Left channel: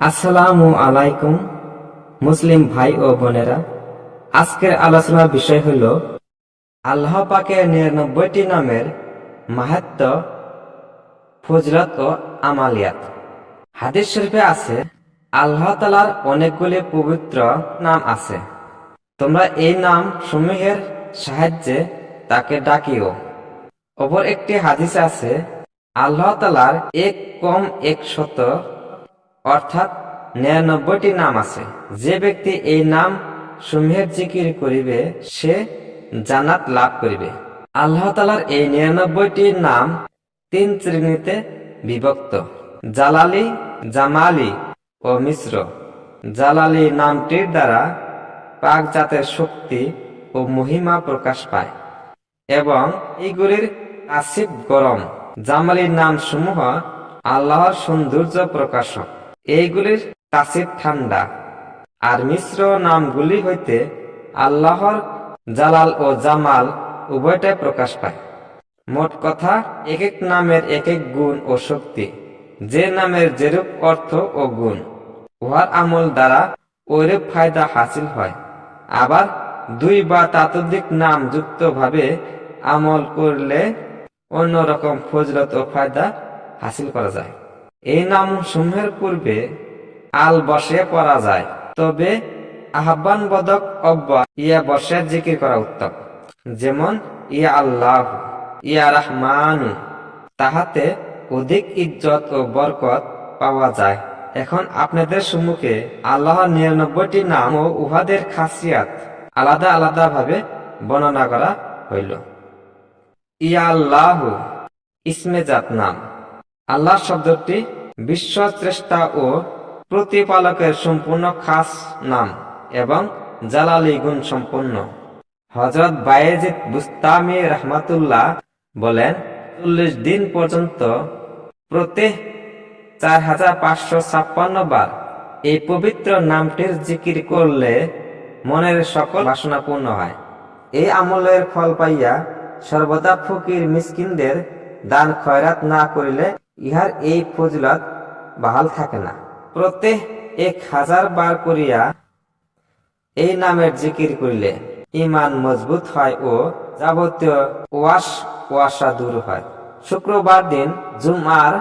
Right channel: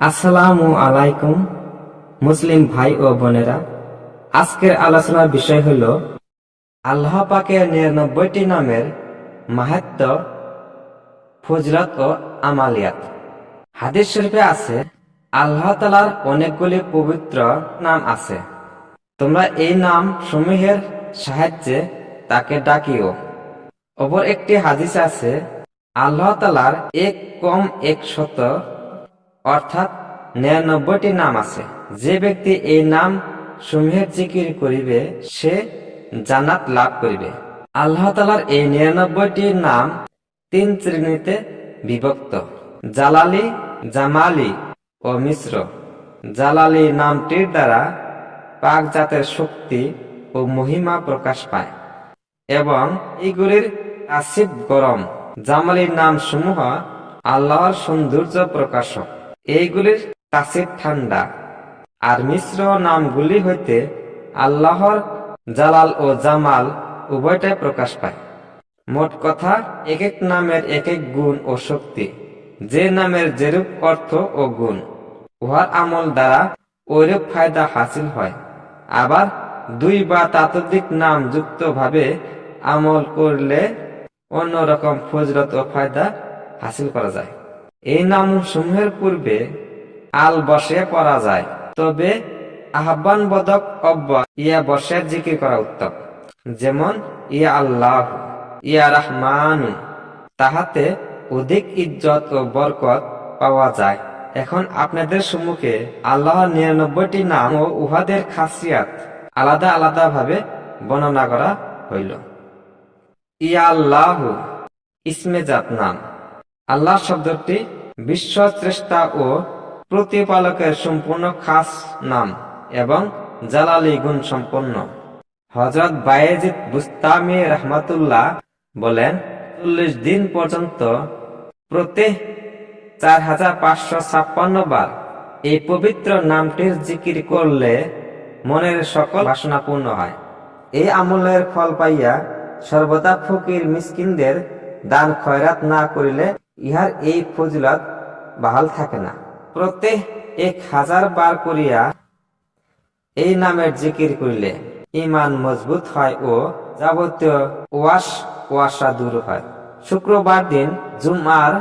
আসসালামু আলাইকুম মুসলিম ভাই ও বোনেরা, আজকের আলোচনার বিষয় হল আল্লাহ পাকের ৯৯টি নামের মাহাত্ম্য, ফজিলত ও আমালিয়াত। হাদিস শরীফে আছে, আল্লাহ তাআলার অনেকগুলি পবিত্র নাম আছে, তোমরা এই নাম সমূহের সাহায্যে তাকে ডাকিও। অপর একটি হাদিসে আছে, আল্লাহ তাআলার এক কম ১০০ অর্থাৎ ৯৯টি নাম আছে। যে ব্যক্তি এই নাম সমূহের জিকির করিবে সে জান্নাত লাভ করিবে। আল্লাহ তাআলার এই ৯৯টি নাম ৩ শ্রেণীতে বিভক্ত: জালালি, জামালি ও মিশ্র। জালালি নামটির দ্বারা পাক জাতের শক্তি ও মহিমা প্রকাশ পায় এবং এইগুলির তাসিফ গরম। জামালির নাম সমূহ আল্লাহর সৌন্দর্য প্রকাশক, এইগুলির তাসিফ ঠান্ডা। আর মিশ্র নামগুলি হইতে আল্লাহর জালাল ও জামাল উভয়টাই প্রকাশ পায়। মোট কথা, এক এক নামের এক এক গুণ ও শক্তি। যে নামের যেরূপ অর্থ ও গুণ, উহার আমল দ্বারা ওইরূপ ফায়দা হাসিল হয়। আবার দুই বা ততোধিক নাম যুক্ত ভাবে আমল করলে অন্যরকম ফজিলত ও ফায়দা হাসিল করা যায়। এই নাম সমূহের পূর্বে আল বসে পড়া যায়, তবে আহ্বান বদক অব্বা ইয়া বসে জিকির করা উত্তম। যেমন ইয়া আল্লাহ, ইয়া রাহমানু, তাহাতে অধিক ইজ্জত ও বরকত পাওয়া যায়। এখন আপনাদের সম্মুখে আল্লাহর ৯৯টি নাম ও উহাদের খাসিয়াত আলাদা আলাদা ভাবে বর্ণনা করা হইল। ইয়া আল্লাহ ইসমে জাত নাম। আল্লাহ শব্দটি বিশ্বস্রষ্টা ও প্রতিপালকের সম্পূর্ণ খাস নাম এবং জালালি গুণ সম্পন্ন। হযরত বায়েজিদ বুস্তামি রাহমাতুল্লাহ বলেন, ৪০ দিন পর্যন্ত প্রত্যেক ৪৫৫৬ বার এই পবিত্র নামটির জিকির করলে মনের সকল বাসনা পূর্ণ হয়। এই আমলের ফল পাইয়া সর্বদা ফকির মিসকিনদের দান খয়রাত না করিলে ইহার এই ফজিলত বাহাল থাকে না। প্রত্যেক ১০০০ বার করিয়া এই নামের জিকির করিলে ঈমান মজবুত হয় ও যাবতীয় ওয়াসা দূর হয়। শুক্রবার দিন জুমআর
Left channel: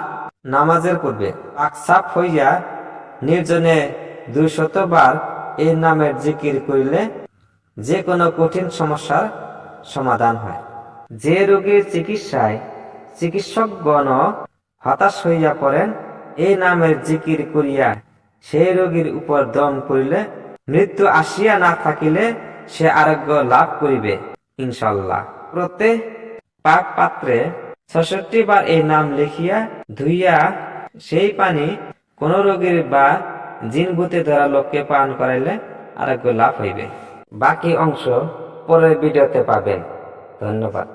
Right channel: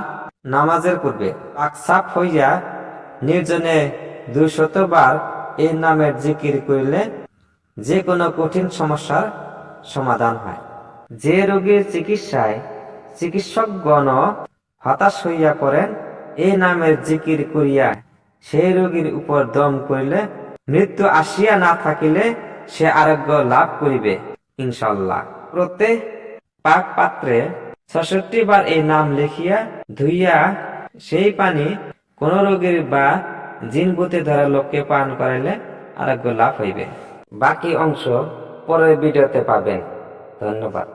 নামাজের পূর্বে পাকসাফ হইয়া নির্জনে ২০০ বার এই নামের জিকির করিলে যে কোনো কঠিন সমস্যার সমাধান হয়। যে রোগীর চিকিৎসায় চিকিৎসকগণ হতাশ হইয়া পড়েন, এই নামের জিকির করিয়া সেই রোগীর উপর দম করিলে মৃত্যু আসিয়া না থাকিলে সে আরোগ্য লাভ করিবে ইনশাআল্লাহ। প্রত্যেক পাক পাত্রে ৬৬ বার এই নাম লিখিয়া ধুইয়া সেই পানি কোন রোগীর বা জিনভূতে ধরা লোককে পান করাইলে আরোগ্য লাভ হইবে। বাকি অংশ পরের ভিডিওতে পাবেন। ধন্যবাদ।